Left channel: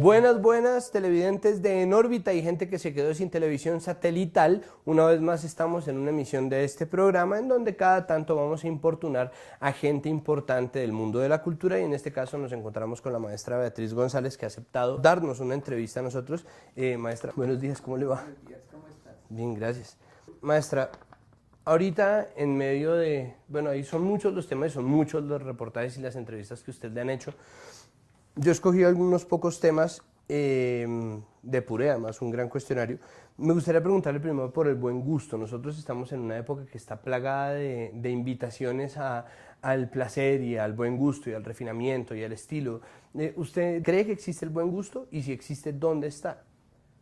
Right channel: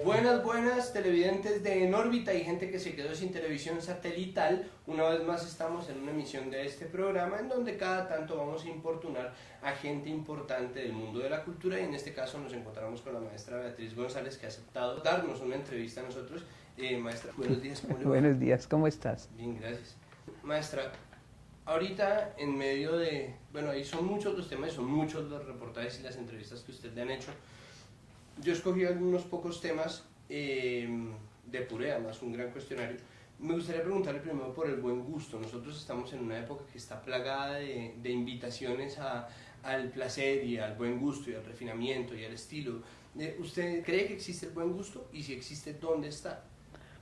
Buenas, buenas televidentes de En órbita y gente que se quedó sin televisión satelital. Una vez más estamos en una emisión de este programa en donde cada tanto vamos a importunar a gente importante del mundo de la cultura y en este caso nos encontramos con la maestra Beatriz González que ha aceptado darnos una entrevista a nosotros. Maestra, buenos días, ¿cómo le va? Buenos días, ¿cómo estás? Bien, gracias. Maestra, ahorita en medio de, bueno, ahí son muchos los temas, son muchos los reportajes y las entrevistas que usted le han hecho. Yo escogí algunos pocos temas, depuré además un gran cuestionario. Me gustaría preguntarle primero por el buen gusto. Nosotros estamos en una época que está plagada de invitaciones al placer y al buen gusto y al refinamiento y al estilo. ¿Usted cree que existe el buen gusto? Y si existe, ¿dónde está?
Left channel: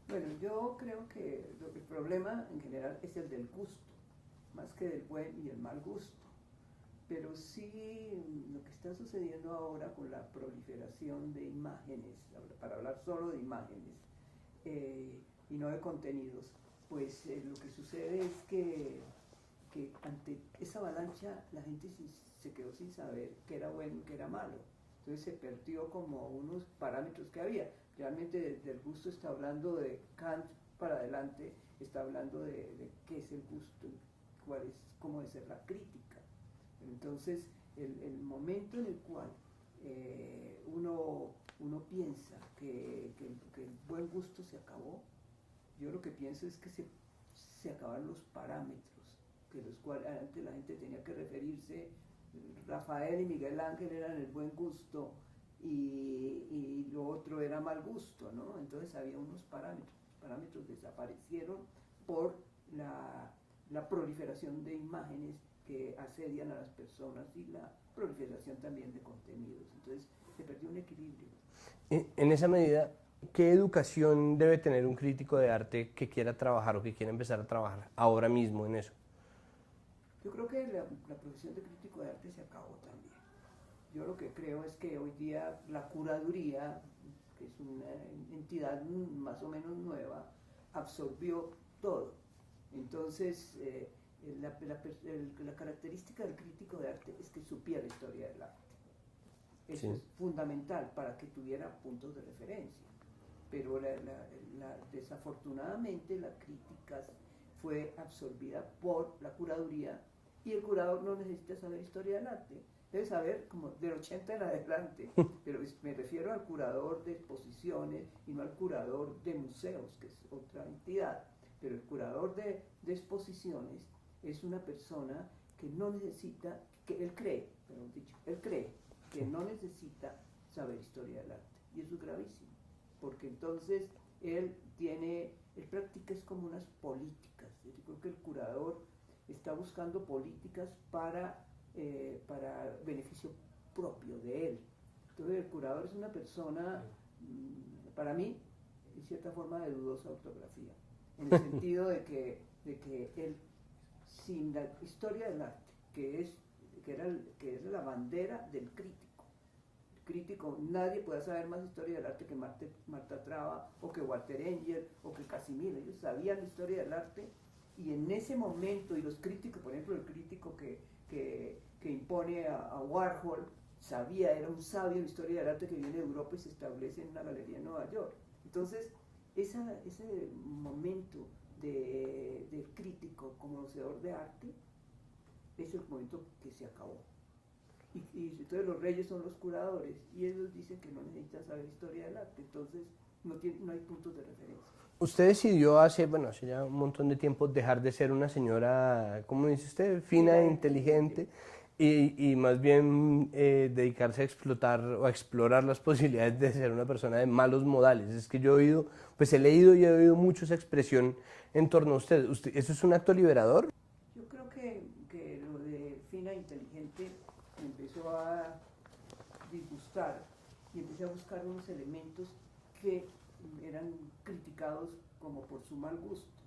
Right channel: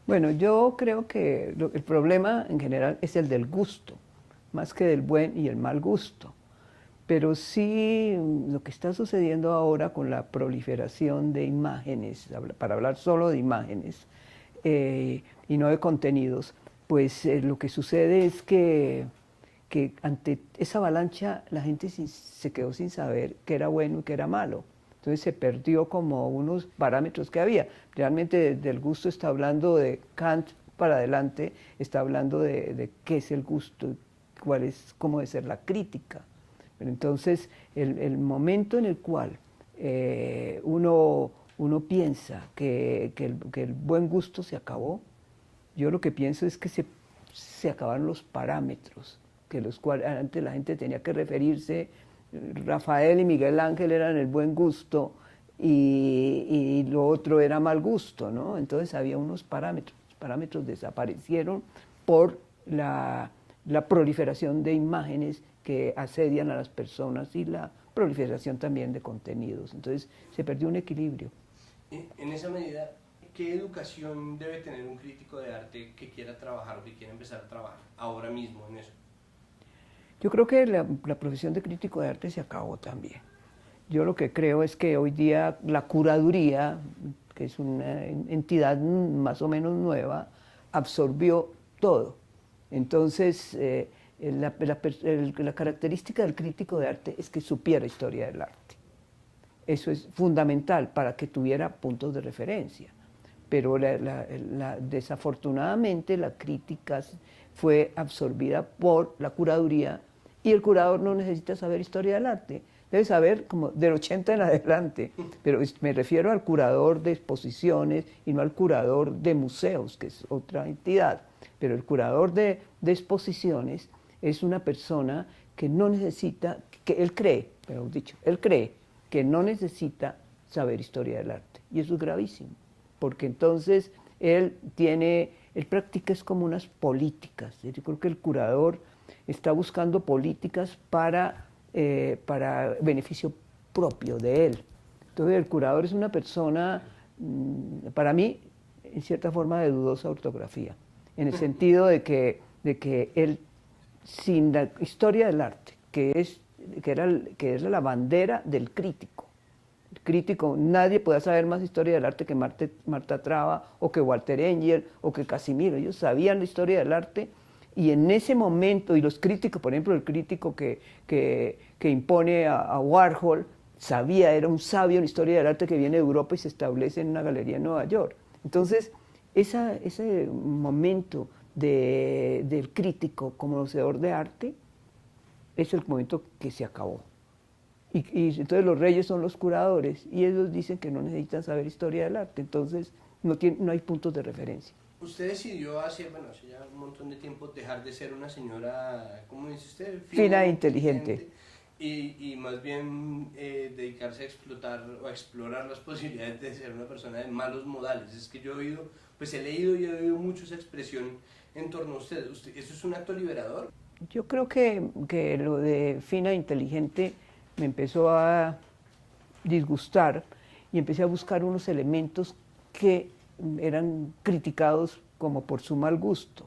Bueno, yo creo que el problema en general es el del gusto, más que del buen y el mal gusto. Pero sí lo que está sucediendo ahora con la proliferación de imágenes, para hablar solo de imágenes y no de contenidos, pues lo que sucede es que ante esa avalancha la gente se quedó sin saber qué era bueno y qué era malo. Entonces se perdió como unos parámetros que había. Realmente del gusto está hablando de Kant para adelante, está hablando de qué es el gusto, cómo debe ser la crítica. Pero entonces el momento en el cual uno piensa que el buen gusto se acabó, yo lo que pienso es que se acabaron los parámetros, que los cuales antes la gente tenía que referirse. Rafael y Miguel Ángel eran el buen gusto y lo otro era mal gusto, ¿no? Entonces había unos parámetros, los parámetros desaparecieron por la proliferación de imágenes que asedian a las personas y la proliferación también de contenidos. Entonces se perdió un equilibrio. En esa medida, ¿qué educación debe tener un crítico de arte que quiera trabajar o que quiera empezar a trabajar ahora mismo en eso? Yo creo que la profesión de crítico de arte se acabó también. Yo lo que creo es que hoy día la curaduría, que es una entidad más o menos nueva, absorbió todo. Entonces, la característica del crítico de arte es que supiera historia del arte. Eso es fundamental para que tuviera puntos de referencia. Pero desafortunadamente la crítica fue absorbida por la curaduría y el curador no necesita saber historia del arte. Debe saber como del 80 en adelante, pero me refiero al curador de exposiciones y no al curador de museos, que es otra entidad. Pero el curador de exposiciones es una persona que no necesita, que él cree, mejor dicho, él cree que no necesita saber historia del arte. Y eso es gravísimo, porque entonces él practica es como unas políticas. Yo creo que el curador está buscando políticas para beneficio propio de él. Entonces el curador es una persona, para mí, en cierta forma de dudosa ortografía, en el sentido de que él, sin la historia del arte, que es la bandera del crítico. El crítico, nadie puede saber más historia del arte que Marta Traba, o que Walter Engel, o que Casimiro. Ellos sabían la historia del arte, y en ese momento, y los críticos, por ejemplo, el crítico que impone a Warhol, era un sabio en historia del arte que viene de Europa y se establece en una galería en Nueva York. Entonces, ese momento del crítico como conocedor de arte es el momento que se acabó. Y entonces los reyes son los curadores y ellos dicen que no necesitan saber historia del arte, entonces no hay puntos de referencia. Usted decidió hace ya un montón de tiempo dejar de ser una señora, ¿cómo dice usted? Fina e inteligente. Y más bien dedicarse a explotar o a explorar las posibilidades de ser una persona de malos modales. Es que yo he leído y he oído mucho esa expresión en torno a usted. ¿Eso es un acto liberador? Yo creo que lo de fina e inteligente me empezó a disgustar y empecé a buscar unos elementos que eran criticados como por su mal gusto.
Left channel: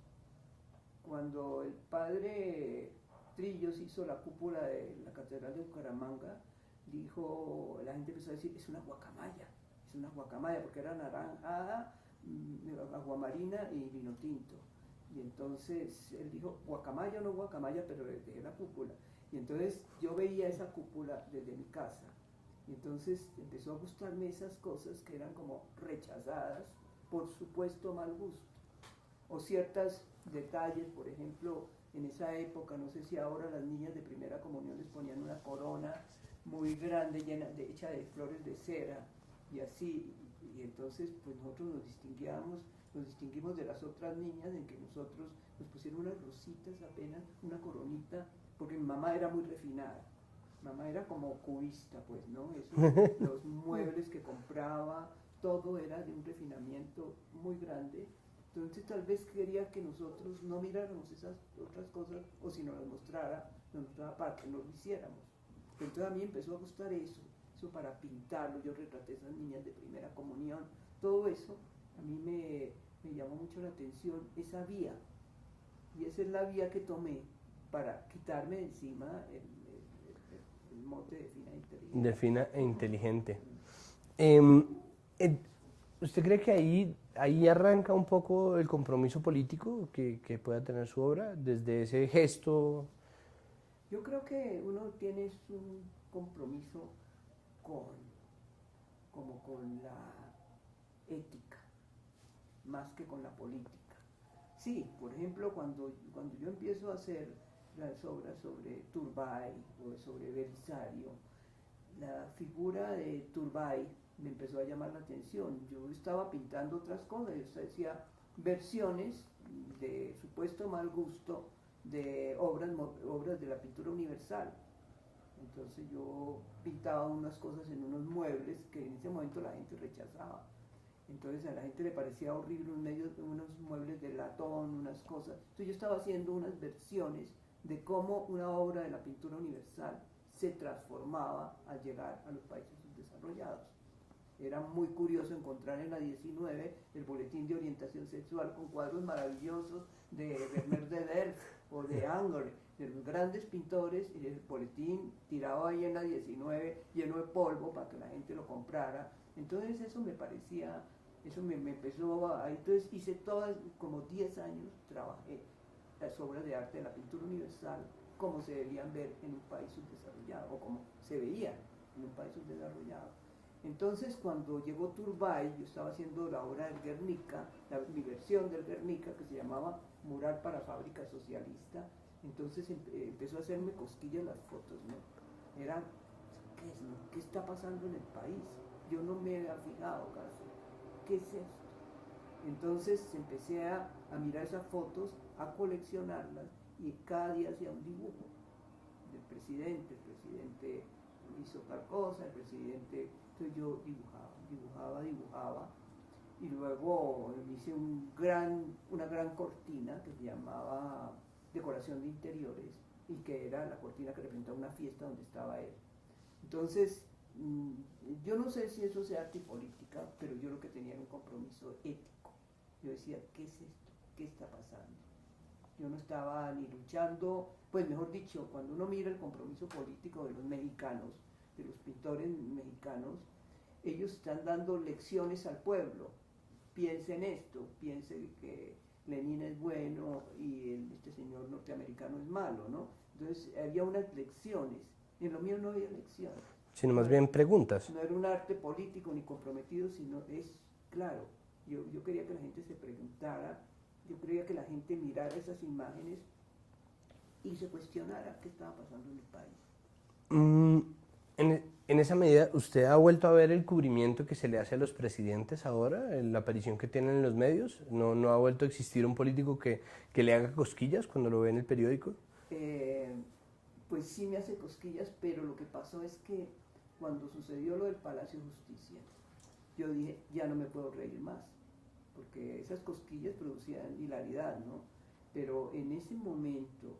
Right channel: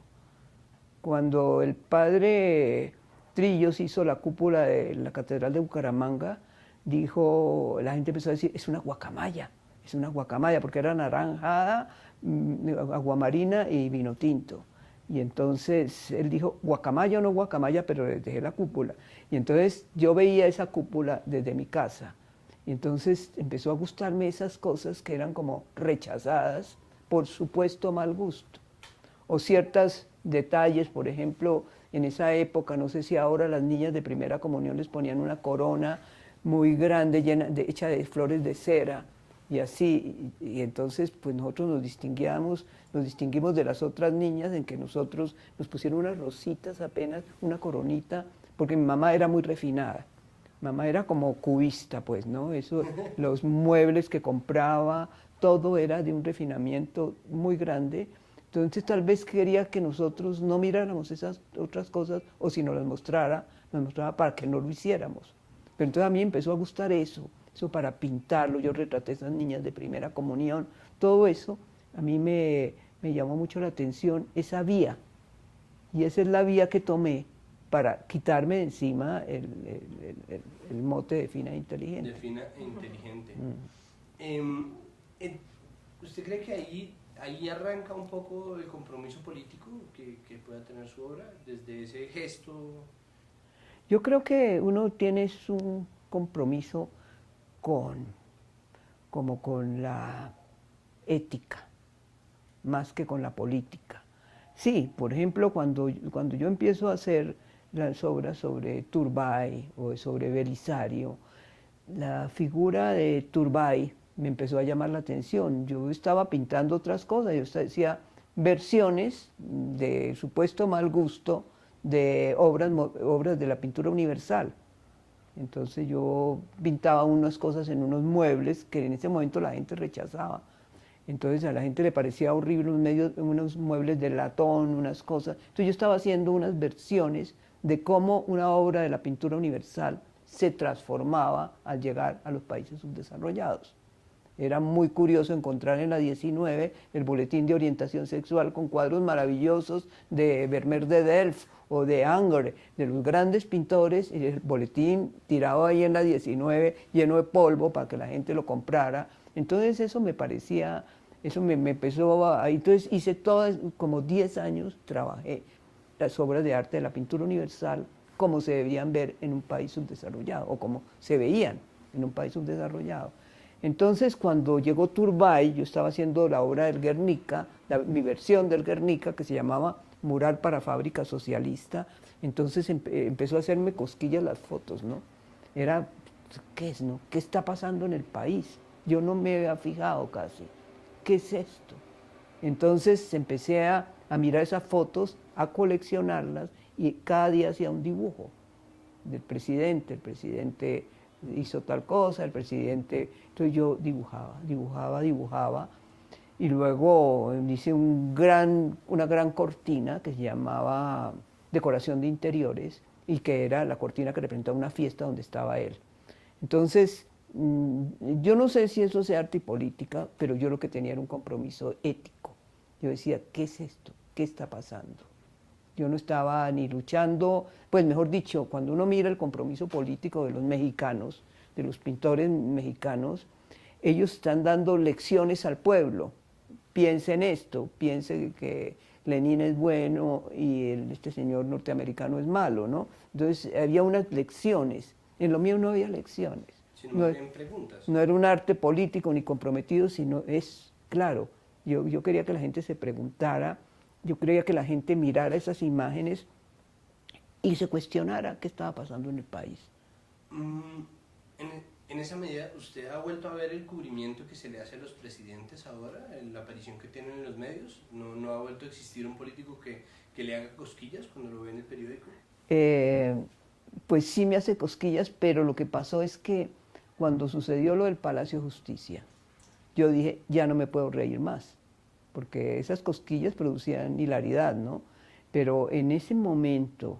Cuando el padre Trillos hizo la cúpula de la Catedral de Bucaramanga, la gente empezó a decir, es una guacamaya, porque era naranjada, aguamarina y vino tinto. Y entonces él dijo, guacamaya o no guacamaya, pero les dejé la cúpula. Y entonces yo veía esa cúpula desde mi casa Y entonces empezó a gustarme esas cosas que eran como rechazadas por supuesto mal gusto. O ciertos detalles, por ejemplo, en esa época, no sé si ahora las niñas de primera comunión les ponían una corona muy grande, hecha de flores de cera, y así, y entonces pues nosotros nos distinguimos de las otras niñas en que nosotros nos pusieron unas rositas apenas, una coronita, porque mi mamá era muy refinada. Mamá era como cubista, pues, ¿no? Eso, los muebles que compraba, todo era de un refinamiento muy grande. Entonces tal vez quería que nosotros no miráramos esas otras cosas, o si nos las mostrara, nos mostraba para que no lo hiciéramos. Pero entonces a mí empezó a gustar eso para pintarlo. Yo retraté a esas niñas de primera comunión, todo eso a mí me llamó mucho la atención, esa vía. Y esa es la vía que tomé para quitarme de encima el mote de fina e inteligente. De fina e inteligente. Mm. ¿Usted cree que ahí arranca un poco el compromiso político que pueda tener su obra, desde ese gesto? Yo creo que uno tiene un compromiso como con la ética, más que con la política. Sí, por ejemplo, cuando yo empiezo a hacer las obras sobre Turbay o sobre Belisario, la figura de Turbay me empezó a llamar la atención. Yo estaba pintando otras cosas, yo decía versiones de supuesto mal gusto de obras de la pintura universal. Entonces yo pintaba unas cosas en unos muebles que en ese momento la gente rechazaba. Entonces a la gente le parecía horrible unos muebles de latón, unas cosas. Entonces yo estaba haciendo unas versiones de cómo una obra de la pintura universal se transformaba al llegar a los países subdesarrollados. Era muy curioso encontrar en la 19 el boletín de orientación sexual con cuadros maravillosos de Vermeer de Delft o de Ingres, de los grandes pintores, y el boletín tirado ahí en la 19 lleno de polvo para que la gente lo comprara. Entonces eso me parecía, eso me empezó a... Entonces hice todas, como 10 años trabajé las obras de arte de la pintura universal como se debían ver en un país subdesarrollado, o como se veían en un país subdesarrollado. Entonces, cuando llegó Turbay, yo estaba haciendo la obra del Guernica, mi versión del Guernica, que se llamaba Mural para Fábrica Socialista. Entonces empezó a hacerme cosquillas las fotos, ¿no? Era, ¿qué es, no? ¿Qué está pasando en el país? Yo no me había fijado casi. ¿Qué es esto? Entonces empecé a mirar esas fotos, a coleccionarlas, y cada día hacía un dibujo del presidente. El presidente hizo tal cosa, el presidente... Entonces yo dibujaba, y luego hice una gran cortina que se llamaba Decoración de Interiores, y que era la cortina que representaba una fiesta donde estaba él. Entonces, yo no sé si eso sea arte y política, pero yo lo que tenía era un compromiso ético. Yo decía, ¿qué es esto? ¿Qué está pasando? Yo no estaba ni luchando, pues mejor dicho, cuando uno mira el compromiso político de los mexicanos, de los pintores mexicanos, ellos están dando lecciones al pueblo. Piense en esto, piense que Lenin es bueno y este señor norteamericano es malo, ¿no? Entonces había unas lecciones. En lo mío no había lecciones. Sino más bien preguntas. No era un arte político ni comprometido, sino es, claro, yo quería que la gente se preguntara, yo quería que la gente mirara esas imágenes y se cuestionara qué estaba pasando en el país. En esa medida, ¿usted ha vuelto a ver el cubrimiento que se le hace a los presidentes ahora, la aparición que tienen en los medios? ¿No ha vuelto a existir un político que le haga cosquillas cuando lo ve en el periódico? Pues sí me hace cosquillas, pero lo que pasó es que cuando sucedió lo del Palacio de Justicia, yo dije, ya no me puedo reír más, porque esas cosquillas producían hilaridad, ¿no? Pero en ese momento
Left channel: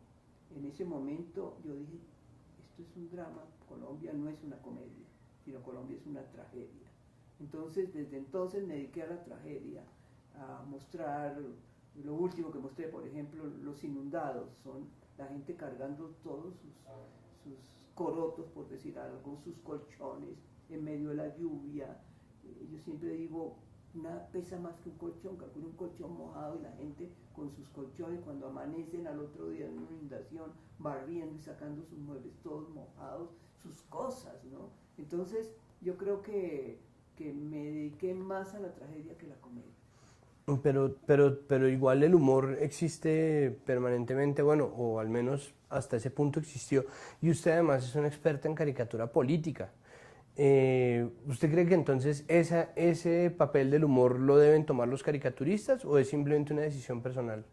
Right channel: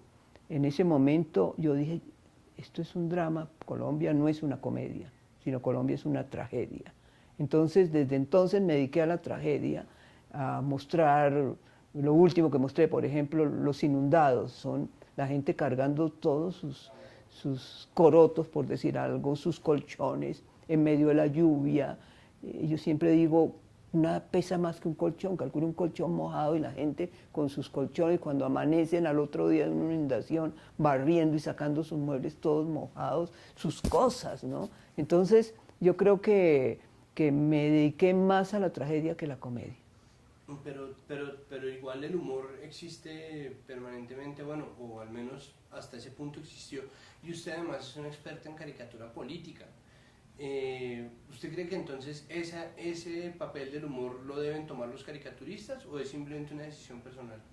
yo dije, esto es un drama, Colombia no es una comedia, sino Colombia es una tragedia. Entonces, desde entonces me dediqué a la tragedia, a mostrar, lo último que mostré, por ejemplo, los inundados, son la gente cargando todos sus corotos, por decir algo, sus colchones, en medio de la lluvia. Yo siempre digo, nada pesa más que un colchón. Calcula un colchón mojado y la gente con sus colchones cuando amanecen al otro día en una inundación, barriendo y sacando sus muebles todos mojados, sus cosas, ¿no? Entonces yo creo que me dediqué más a la tragedia que a la comedia. Pero igual el humor existe permanentemente, bueno, o al menos hasta ese punto existió. Y usted además es una experta en caricatura política. ¿Usted cree que entonces ese papel del humor lo deben tomar los caricaturistas o es simplemente una decisión personal?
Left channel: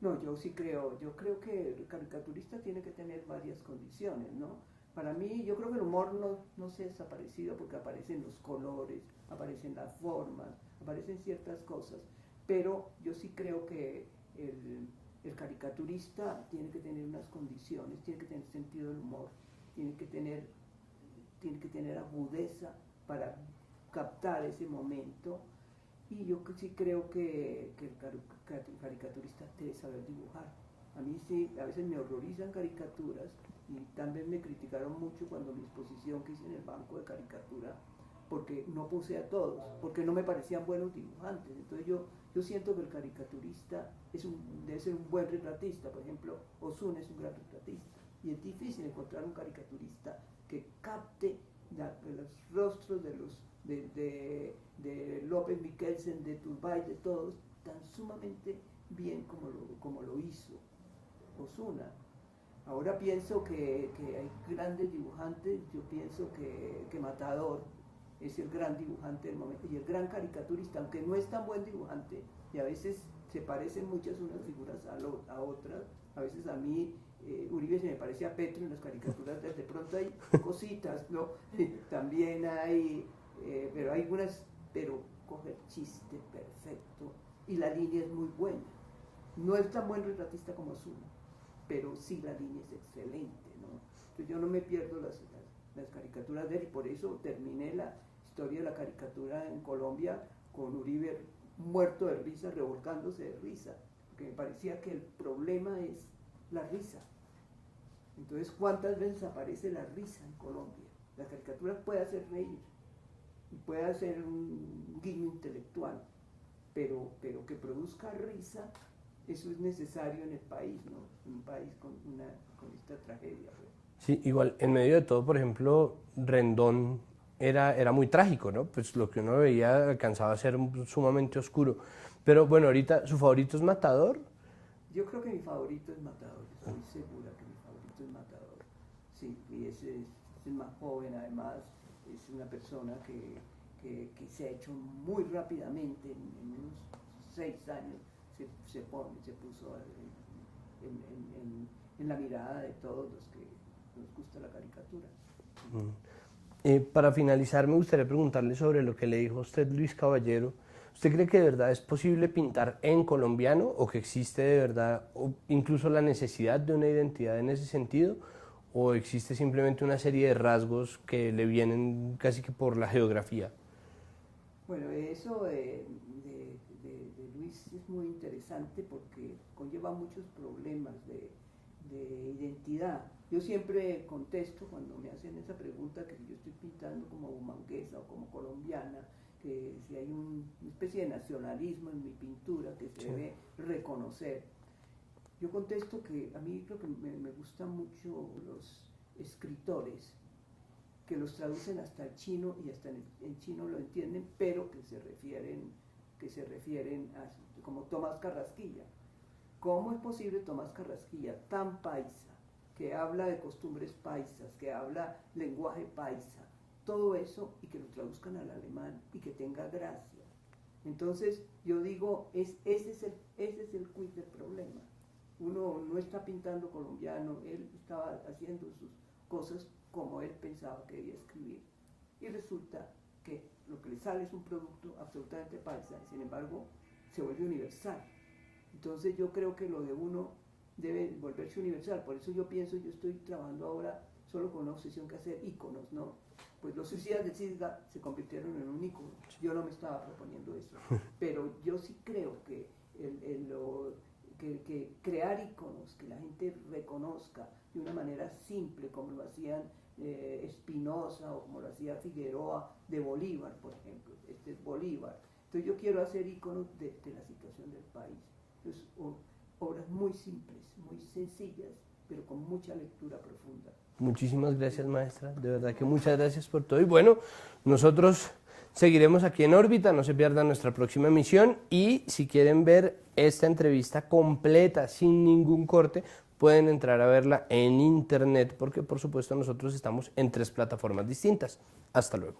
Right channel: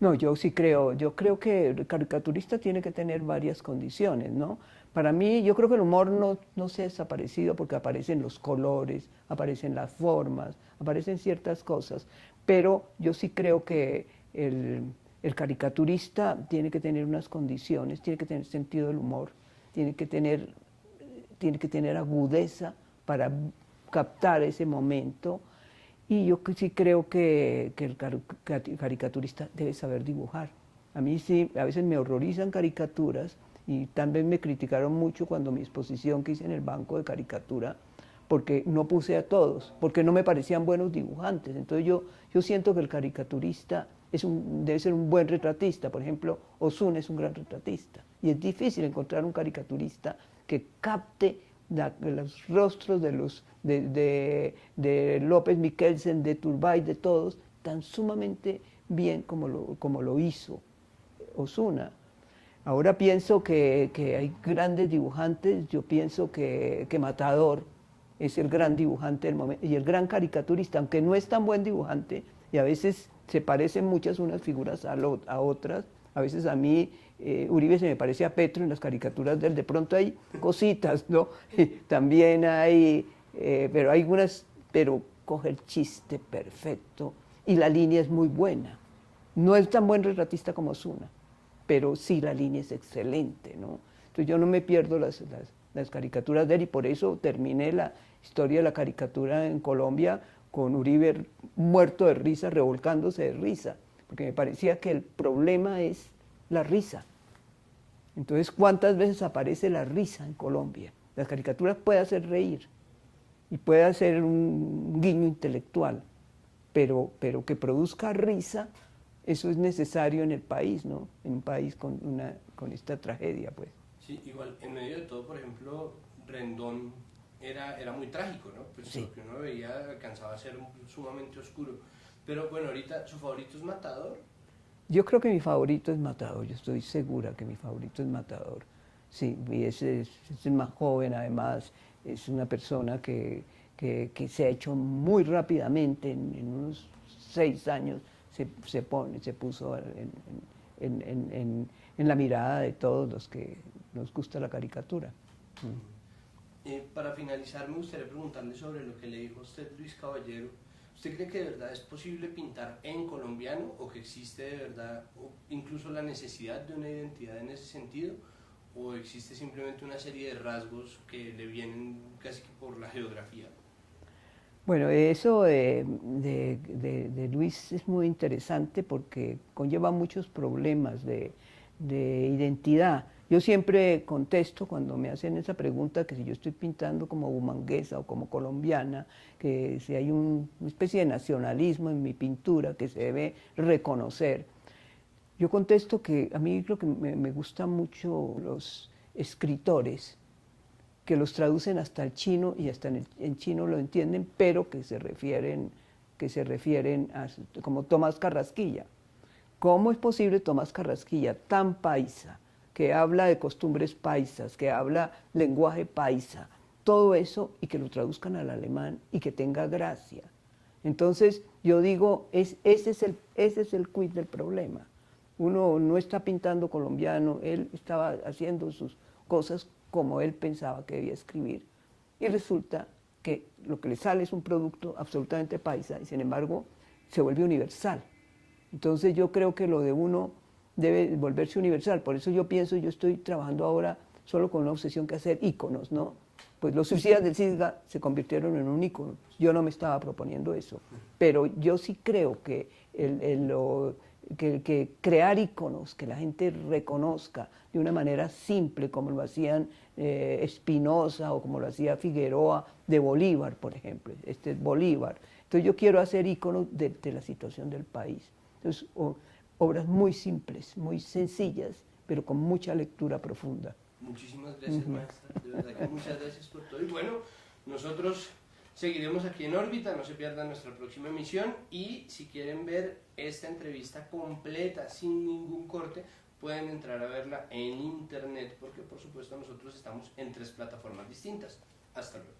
No, yo creo que el caricaturista tiene que tener varias condiciones, ¿no? Para mí, yo creo que el humor no se ha desaparecido porque aparecen los colores, aparecen las formas, aparecen ciertas cosas, pero yo sí creo que el caricaturista tiene que tener unas condiciones, tiene que tener sentido del humor, tiene que tener agudeza para captar ese momento. Y yo sí creo que el caricaturista debe saber dibujar. A mí sí, a veces me horrorizan caricaturas y también me criticaron mucho cuando mi exposición que hice en el banco de caricatura, porque no puse a todos, porque no me parecían buenos dibujantes. Entonces yo siento que el caricaturista debe ser un buen retratista. Por ejemplo, Osuna es un gran retratista. Y es difícil encontrar un caricaturista que capte los rostros de López Michelsen, de Turbay, de todos, tan sumamente bien como lo hizo Osuna. Ahora pienso que hay grandes dibujantes, yo pienso que Matador es el gran dibujante del momento y el gran caricaturista, aunque no es tan buen dibujante, y a veces se parecen muchas unas figuras a otras, a veces a mí Uribe se me parece a Petro en las caricaturas de él, de pronto hay cositas, ¿no? También hay, pero hay unas, pero coge el chiste perfecto y la línea es muy buena. No es tan buen retratista como Osuna, pero sí la línea es excelente, ¿no? Entonces yo no me pierdo las caricaturas de él y por eso terminé la historia de la caricatura en Colombia con Uribe muerto de risa, revolcándose de risa, porque me parecía que el problema es la risa. Entonces, ¿cuántas veces aparece la risa en Colombia? Las caricaturas pueden hacer reír y puede hacer un guiño intelectual, pero que produzca risa, eso es necesario en el país, ¿no? En un país con esta tragedia, pues. Sí, igual, en medio de todo, por ejemplo, Rendón era muy trágico, ¿no? Pues lo que uno veía alcanzaba a ser sumamente oscuro. Pero bueno, ahorita, ¿su favorito es Matador? Yo creo que mi favorito es Matador, yo estoy segura que mi favorito es Matador. Sí, y ese es el más joven, además, es una persona que se ha hecho muy rápidamente, en unos 6 años, se puso en la mirada de todos los que nos gusta la caricatura. Para finalizar, me gustaría preguntarle sobre lo que le dijo usted, Luis Caballero. ¿Usted cree que de verdad es posible pintar en colombiano o que existe de verdad incluso la necesidad de una identidad en ese sentido? ¿O existe simplemente una serie de rasgos que le vienen casi que por la geografía? Bueno, eso de Luis es muy interesante porque conlleva muchos problemas de identidad. Yo siempre contesto cuando me hacen esa pregunta que si yo estoy pintando como bumanguesa o como colombiana, que si hay una especie de nacionalismo en mi pintura que se debe reconocer. Yo contesto que a mí lo que me gusta mucho los escritores que los traducen hasta el chino y hasta en chino lo entienden, pero que se refieren a, como Tomás Carrasquilla. ¿Cómo es posible Tomás Carrasquilla, tan paisa, que habla de costumbres paisas, que habla lenguaje paisa, todo eso y que lo traduzcan al alemán y que tenga gracia? Entonces yo digo, ese es el quid del problema. Uno no está pintando colombiano, él estaba haciendo sus cosas como él pensaba que debía escribir. Y resulta que lo que le sale es un producto absolutamente paisa y sin embargo se vuelve universal. Entonces yo creo que lo de uno debe volverse universal. Por eso yo estoy trabajando ahora solo con una obsesión que hacer íconos, ¿no? Pues los suicidas del Cisga se convirtieron en un ícono. Yo no me estaba proponiendo eso. Pero yo sí creo que que crear íconos, que la gente reconozca de una manera simple, como lo hacían Espinosa o como lo hacía Figueroa, de Bolívar, por ejemplo. Este es Bolívar. Entonces yo quiero hacer íconos de la situación del país. Entonces, obras muy simples, muy sencillas, pero con mucha lectura profunda. Muchísimas gracias, maestra. De verdad que muchas gracias por todo. Y bueno, nosotros seguiremos aquí en órbita, no se pierdan nuestra próxima emisión. Y si quieren ver esta entrevista completa, sin ningún corte, pueden entrar a verla en internet, porque por supuesto nosotros estamos en 3 plataformas distintas. Hasta luego.